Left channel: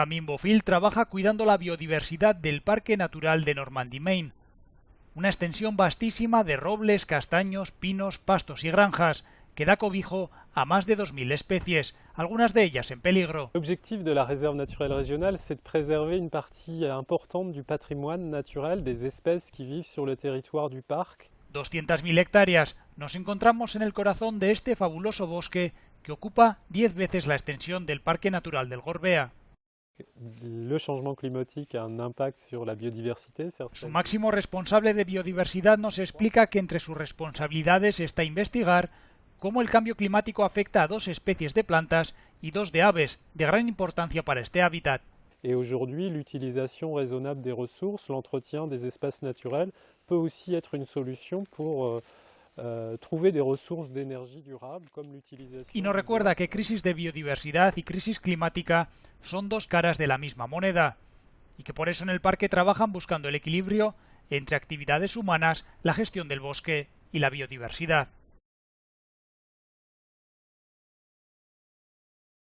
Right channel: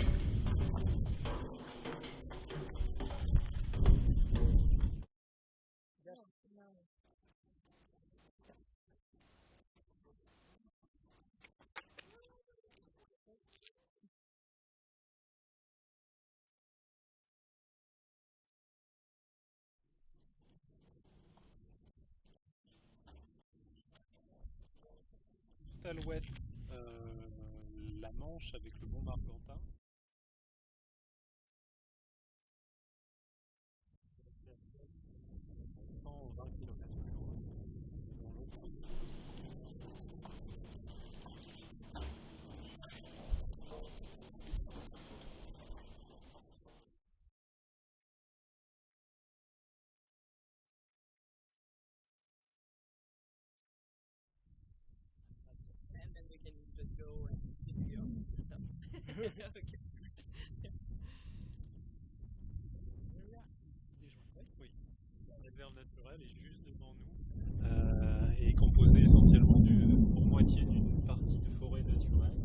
Benjamin Bofill trabaja cuidando la biodiversidad del Parque Natural de Normandy-Maine, una extensión vastísima de robles, castaños, pinos, pastos y granjas que da cobijo a más de 2000 especies, algunas de ellas en peligro. L'objectif de la réserve naturelle régionale, c'est de préserver une partie importante du patrimoine naturel des espèces qui vivent sur le territoire du parc. 200.000 hectáreas. Nos encontramos en el corazón de este fabuloso bosque que ocupa 10 veces la extensión del Parque Natural del Gorbea. Le changement climatique a un impact sur la biodiversité. Su máximo responsable de biodiversidad nos explica que entre sus responsabilidades está investigar cómo el cambio climático afecta a 2 especies de plantas y 2 de aves, de gran importancia para este hábitat. Et aujourd'hui, l'utilisation raisonnable des ressources, l'entretien des espaces naturels peut aussi être une solution pour trouver des ressources d'énergie durable comme l'utilisation. Y nos recuerda que crisis de biodiversidad y crisis climática son 2 caras de la misma moneda y que por eso en el parque trabajan buscando el equilibrio entre actividades humanas, la gestión del bosque y la biodiversidad.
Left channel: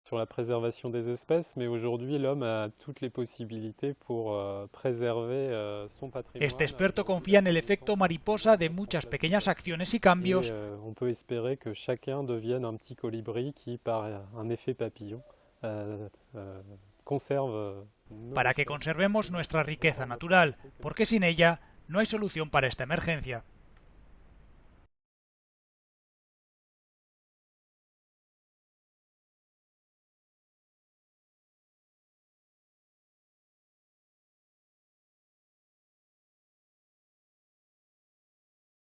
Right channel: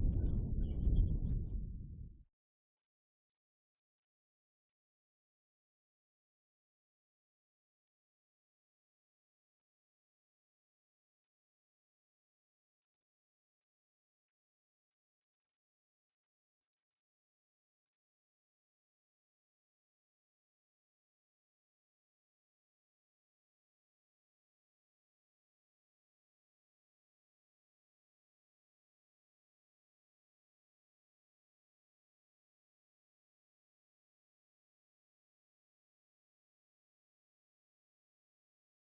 Sur la préservation des espèces, mais aujourd'hui l'homme a toutes les possibilités pour préserver son patrimoine. Este experto confía en el efecto mariposa de muchas pequeñas acciones y cambios. On peut espérer que chacun devienne un petit colibri qui, par un effet papillon, conserve. Para que conservemos nuestra riqueza natural, porque sin ella no hay solución para esta emergencia.